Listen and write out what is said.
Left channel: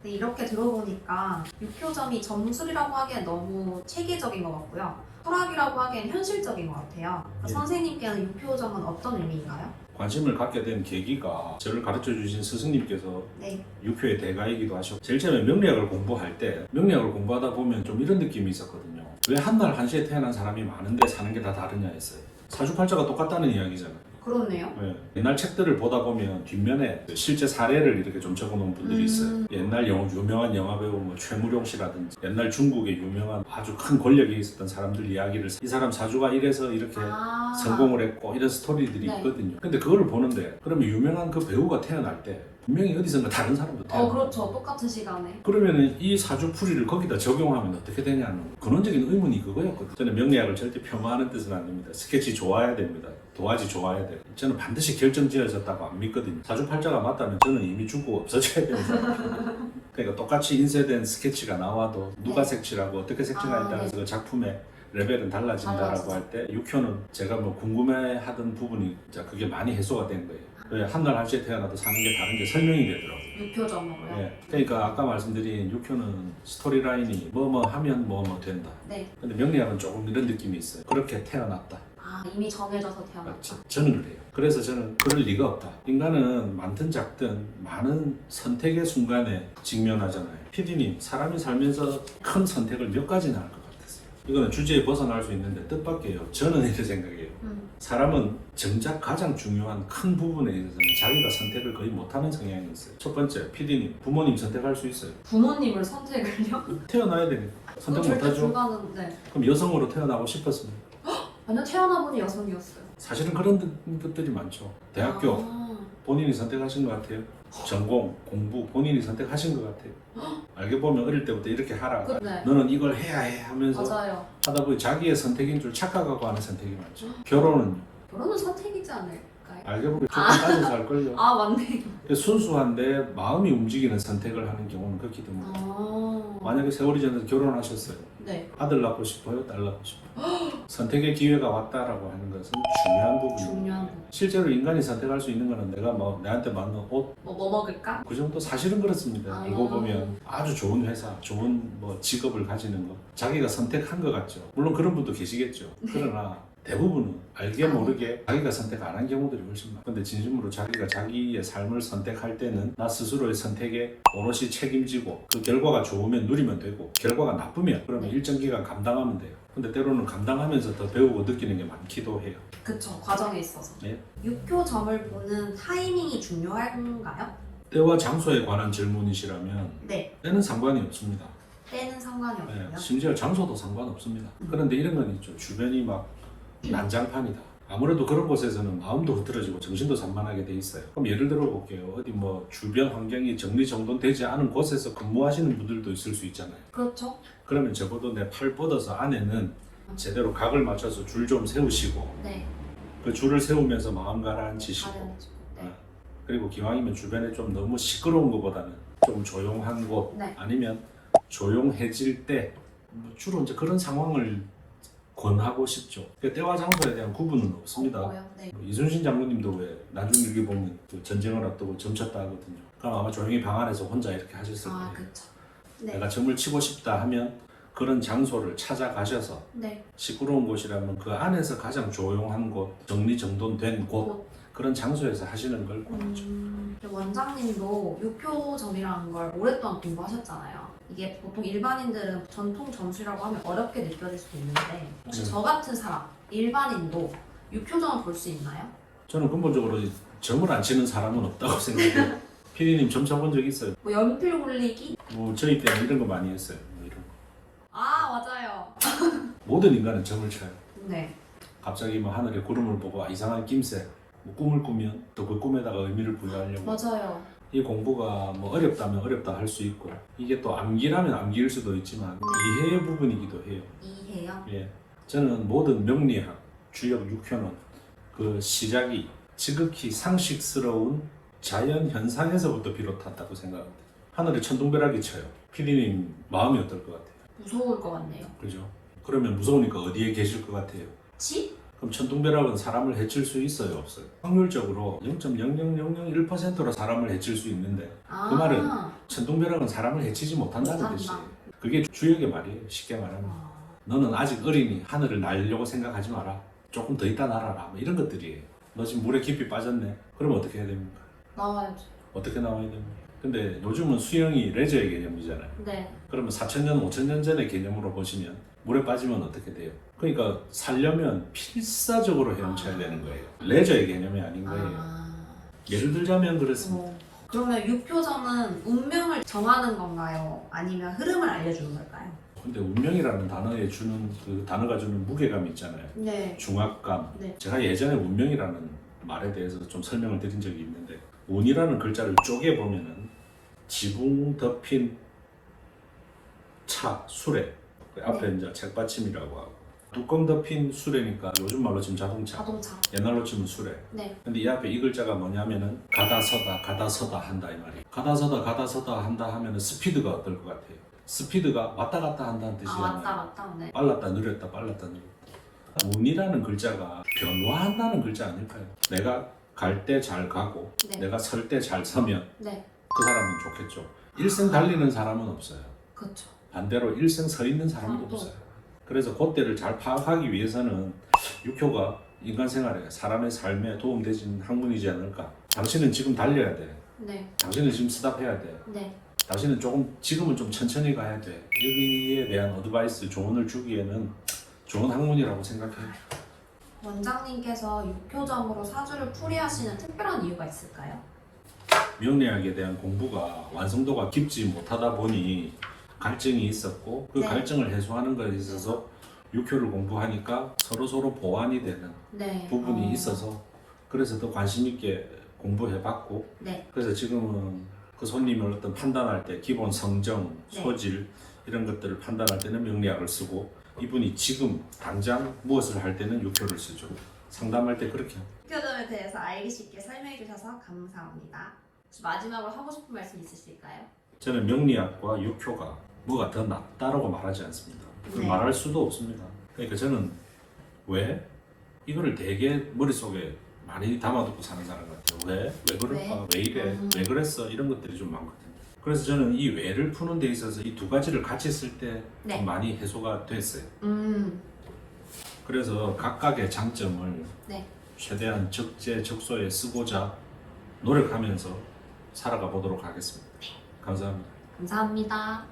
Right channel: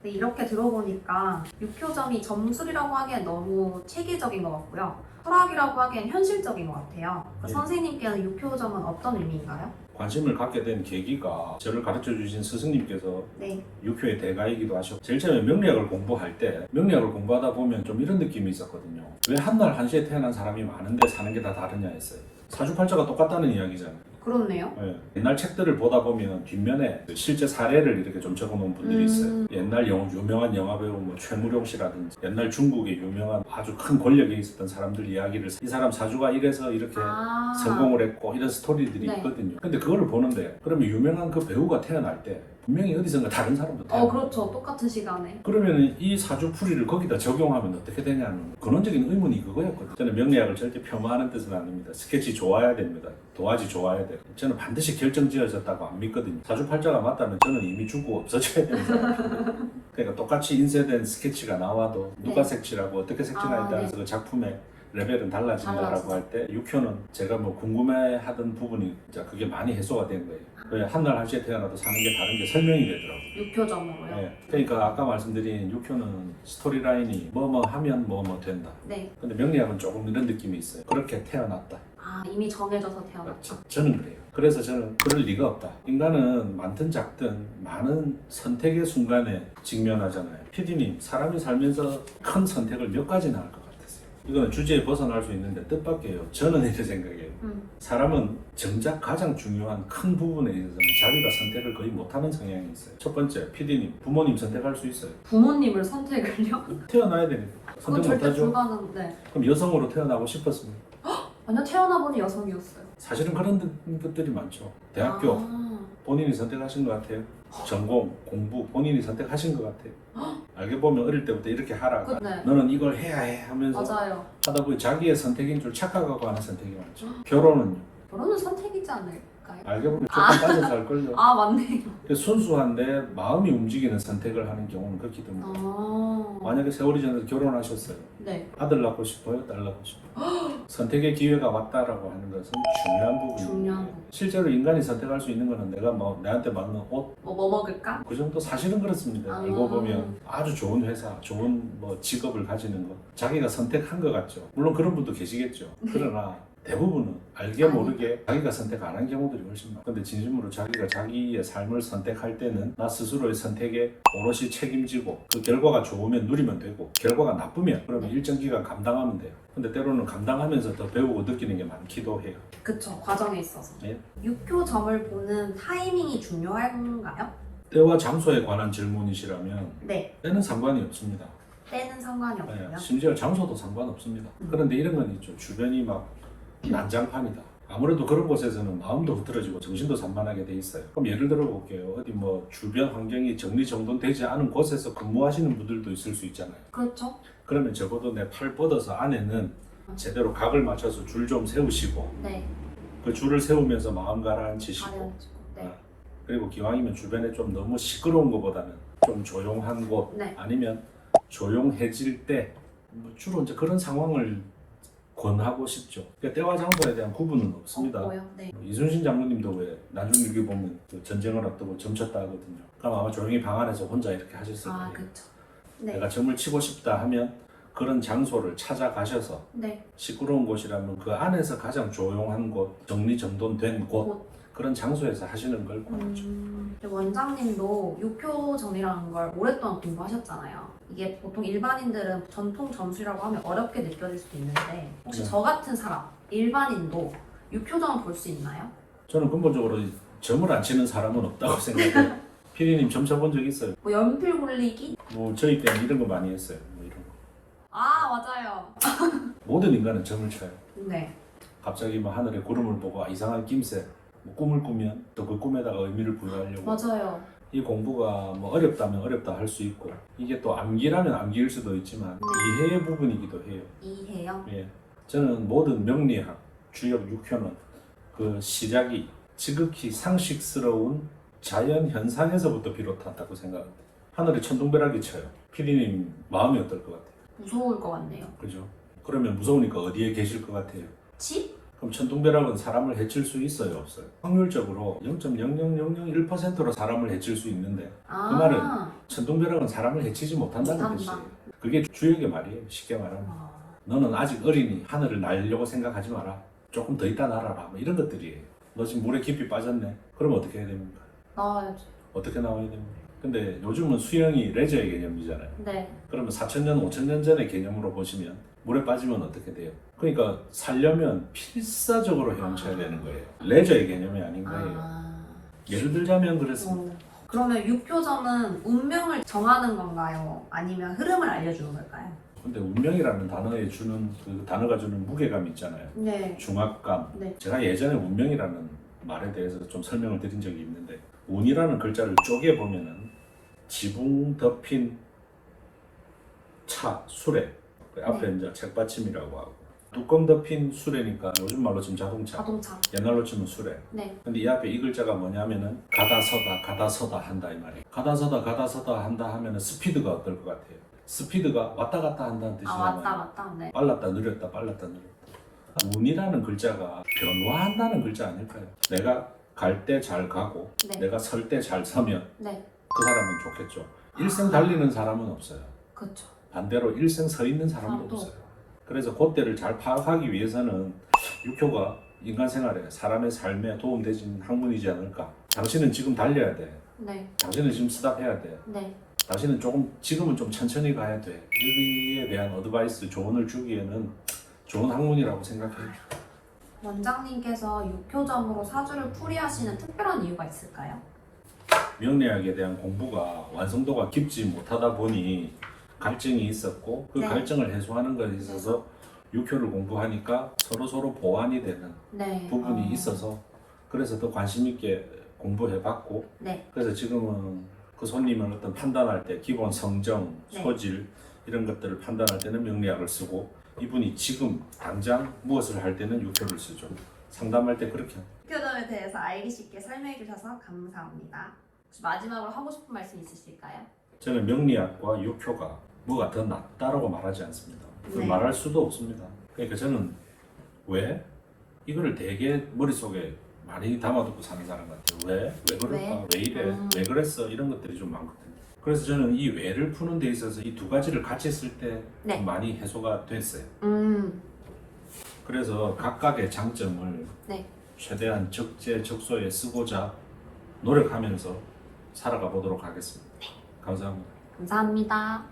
근데 이렇게 들어보니까 육효점이 점술이라고 하기엔 너무 체계적인 것 같고요. 철학이라고 하기엔 현실적인 것 같아요. 선생님께는 육효점은 어떤 의미인가요? 관심을 갖게 된 계기가 저를 가르쳐 주신 스승님께서 네. 육효의 대가이기도 하셨고 제일 처음에 명리학을 공부할 때 명리학을 공부하다 보면 좀 이런 느낌이 있었거든요. 왜 한날 한시에 태어난 사람이 많은데 사는 게 다 다르냐 했어요. 사주팔자가 똑같다는 이야기잖아요. 그렇네요. 네. 옛날 책들을 보다 보면 뒷면에 실제 사례를 이렇게 좀 적어놓은 분들이 있어요. 옛날 유명한 영화배우 최무룡 씨라든지 옛날 중국의 유명한 아주 큰 권력이 있었던 사람들 이야기를 이 사람 사주가 이래서 이렇게 성공을 했고 이런 스토리들이 네. 있거든요. 근데 그걸 보는데 그러면 유명한 그 배우가 태어날 때 분명히 어디선가 다른 사람과 태어나요. 그렇죠. 똑같은 시간에. 그러면 이 사주풀이를 거기다 적용하면 어떻게 되냐는 근원적인 의문이 그거였거든요. 저는 명리학을 절대 폄하하는 뜻은 아닙니다. 스케치 좋아야 됩니다. 도화지 좋아야 돼요. 저는 반드시 결정지어졌다고 안 믿거든요. 사주팔자가 맞다면 저는 이미 죽고 없어져야 됩니다. 그러니까 똑같이 인쇄된 스케치가 나와도 누가 네. 색칠하고 어떻게 색칠하에 따라서 네. 그 작품의 레벨은 달라진다라고 할 때 육효는 제가 궁금해하던 부분이 이제 그게 많이 해소가 된 거예요. 왜 한날 한시에 태어나도 사는 게 다른 게 설명이 되더라고요. 육효점으로요? 네. 그러니까 아까 말씀드린 육효는 스토리라인이 뭐뭐 하면 뭐뭐 된다. 네. 근데 명리학은 조금 이런 느낌이 있어요. 그렇게 태어났다. 이미 정해져서 태어났죠. 저는 그래요. 그래서 저는 그럴 리가 없다. 인간은 많든 작든 많은 선택의 순간에 직면하잖아요. PD님, 사람이 살면서 큰 선택을 몇 가지나 할 것 같았어요. 이거는 주제에 벗어날 수 있는데 뜻밖이에요. 저는 이렇게 생각해요. 사람은 정작 가장 중요한 큰 부분에 있어서는 자기가 선택을 거의 못하는 성향이 있어요. 첫 번째, PD님, 부모님 선택할 수 있어요. 부모님을 선택을요? 태어나야 되니까 그건 선택 절대 못하죠. 불가능. 네. 그럼 여성으로 태어나고 싶었습니까? 완전 태어나 보니 여성이었어요. 사실은 그런 것들이 많죠. 대학교 본인이 선택하신 것 같아요. 전공, 공부 본인이 선택하신 것 같아요. 알게 보면 어릴 때부터 이렇게 하라고 네. 너는 이걸 해야 해 하면서 맞아요. 하다 보니 자기의 선택인 줄 착각하고 하는 선택이 많죠. 결혼은요? 결혼은 선택이지 않을까요? 알게 보면 조금 따져서 할걸요. 맞네. 순수한데 마음이 움직이는 선택을 하는 경우는 극히 드물어요. 아. 만약에 세월이 지나서 결혼하셨어요. 네. 아들 낳고 싶어요? 딸 낳고 싶어요? 선택의 기회가 왔다라고 하는 것은 중요한 부분이에요. 중요한 부분. 실제로 인간이 선택할 수 있는 거는 내가 내한테 맞는 옷, 뭐 먹을까? 그 정도 사실은 그렇습니다. 아. 알고 보면 아주 좋은 회사, 좋은 직업을 가지는 것 자기가 선택한 것 같죠. 물론 그런 분도 계시겠죠. 그러나 대부분은 알게 모르게 자기가 선택 안 한 경우들이 훨씬 많아요. 근데 진심으로 자기가 자기의 삶을 선택할 때는 나 스스로의 선택에 오롯이 책임지고 그 결과가 좋으면 누리면 되고 결과가 나쁘면 그러면 일정 기간 감당하면 돼요. 근데 때로는 감당하면서 더 배우고 느끼는 게 많기도 해요. 그쵸. 과정에 있어서. 예. 육효점을 보는 타이밍이 중요한가요? 때와 장소에 관한 질문이시라면 네. 때는 상관이 없습니다. 때는 상관이 네, 없고요. 심지어 장소도 상관없습니다. 그런데 이런 건 있죠. 주변이 막 난장판이다. 아무래도 그런 곳에서는 마음도 흐트러지고 정신도 산만하게 돼 있어요. 그럼 예를 들어 볼게요. 어디 주변 환경이 정리정돈되지 않은 곳에서 근무하시는 분들도 있을 수 있잖아요. 그렇죠. 그러면 적어도 내 팔 뻗어서 안에는 제대로 각을 맞춰서 줄 좀 세우시고 네. 그 줄을 세우면서 마음 가라앉히시고 가려지고. 네. 그리고 기왕이면 주변에 좀 너무 시끄러운 것보다는 좀 조용한 곳 네. 아니면 조용해질 때 주로 이제 그런 상황을 권하고 싶죠. 그러니까 때와 장소에 대한 구분은 없습니다. 뭐요? 네. 이순신 장로님도 왜 나중일기 보면 그 전쟁을 앞두고 점쳤다 하거든요. 그럼 아마 조용히 방 안에서 혼자 이렇게 하셨을 거예요. 그렇죠. 네. 내가 점을 치고 싶다 하면 그런 장소를 찾아가셔서 네. 시끄러운 곳이라면 그 안에서 가장 조용한 곳, 정리정돈된 곳 그런 장소에서 하시는 걸 권하죠. 원장님도 육효점이라는 걸 오랫동안 공부하셨잖아요. 이게 보통 일반인들은 전통 점수라고 하면 어렵게 느껴질 수도 있는데 혹시 네. 저 같은 사람, 일반인도 육효점을 볼 수 있나요? 저는 근본적으로 점을 안 치는 사람은 없다고 생각해요. 피디님 점 쳐본 적 있어요? 연필 굴리기? 저희 때는 이런 거 많이 했어요. 이런 거. 맞아요. 모든 인간은 점을 쳐요. 네. 갑자기 하늘에 구름을 보고 이상한 김새 꿈을 꾸면 또 그 꿈에다가 의미를 부여하려고 맞아요. 이 공부가 어렵다면 어렵다 할 수 있고 이게 또 암기라면 암기일 수도 있지만 이해의 부분이기도 해요. 이해요? 예. 저는 모든 명리학, 주역 육효는 그 시작이 지극히 상식스러운 자연 현상에서부터 비롯한다고 생각합니다. 하늘에 천둥벼락이 쳐요. 피디님 마음이 어떨 것 같아요? 무서울 것 같네요. 그죠? 그러면 무서우니까 어디에 계실 것 같아요? 집? 그럼 천둥벼락은 사람을 해칠 수 있어요, 없어요? 확률적으로 0.00001%로 사람을 해칠 수 있는데 아, 그 말은 천둥벼락은 사람을 해치지 못한다는 못한다. 뜻이에요. 그게 주역의 말이에요. 쉽게 말하면 너는 아직 어리니 하늘을 날려고 생각하지 마라. 조금 더 있다 날아라. 뭐 이런 것들이 너 지금 물에 깊이 빠졌네. 그럼 어떻게 해야 됩니까? 나와야지. 어떻게 나와야 됩니까? 근데 요즘은 수영이 레저의 개념이잖아요. 네. 그러면 4,000년, 5,000년 전의 개념으로 보시면 물에 빠지면 어떻게 돼요? 그러니까 살려면 필사적으로 헤엄쳐야 되는 거예요. 레저의 개념이 아닌 거예요. 아, 예를 들자면 그렇습니다. 그러면 유표점은 운명을 정하는 건가요? 아니면 흐름을 알려주는 걸까요? 근데 운명이라는 단어에 주는 그 단어가 주는 무게감이 있잖아요. 네. 중압감. 네. 제가 예전에 운명이라는 말에 대해서 좀 설명을 드린 적이 있는데 운이라는 글자를 쪼개 보면은 지붕 덮인 차, 수레. 그 앞에 이제 책받침이라고 하고 뚜껑 덮인 수레니까 요즘 말로 치면 자동차. 자동차. 옛날로 치면 수레. 네. 근데 이 앞에 이 글자가 뭐냐면은 가다 서다 가다 서다 한다 이 말이에요. 가다 서다 한다 하면은 스피드가 어떨 것 같아요? 스피드가 왔다 갔다 한다는 아, 뜻이잖아요. 맞다. 네. 빨랐다 느렸다 빨랐다 느렸다. 운이라는 글자가 변화한다는 글자 아닐까요? 내가 갈 때 잘 가고 네. 내가 설 때 잘 서면 네. 그 사람은 좋겠죠. 일생 달리는 사람은 없어요. 그렇죠. 반대로 일생 서 있는 사람은 사람도 없어요. 그래서 그때를 잘 파악하기 위해서는 육교가 인간 생활에 사람의 삶에 도움되는 학문이지 않을까. 당신은 지금 달려야 돼. 네. 당신은 지금 스탑해야 돼. 네. 당신은 조금 지금은 좀 천천히 가야 돼. 여기에 대한 어드바이스 조언을 주기에는 좋은 학문이라고 생각해요. 원장님께서 육표점으로 사주를 풀이하시는 특별한 이유가 있을까요? 명리학에 대한 공부가 완성도가 깊지 못하다 보니 갈증이 있었고 그 네. 갈증을 해소하는 것에 있어서 육효를 공부하니까 서로 보완이 되는 네. 부분이 있어서 그래서 더 관심 있게 공부해봤고 네. 그래서 지금은 그 손님을 어떤 판단할 때 기본 성정, 네. 소질 이런 것들을 판단할 때는 명리학을 쓰고 이분이 지금 당장 무엇을 할 때는 육효를 쓰죠. 상담할 때 그렇게 합니다. 육표점에 대해서 알기 쉽게 설명해 주셔서 감사합니다. 혹시 마지막으로 하고 싶은 말씀 있으실까요? 저는 명리학과 육효가 뭐가 더 낫다라고 말하지 않습니다. 네. 말할 수도 없습니다. 그러니까 저는 왜 이거를 되게 머릿속에 많이 담아두고 사는 사람 같아요. 왜 그럴까? 왜 이래? 왜 그랬어? 이런 것들이 좀 많거든요. 그래서 저는 이 왜를 푸는 데 있어서 이 두 가지를 같이 쓸 때 네. 많이 해소가 됐어요. 음. 그래서 각각의 장점을 네. 최대한 적재적소에 쓰고자 노력하면서 살아가 보도록 하겠습니다. 감사합니다. 감사합니다.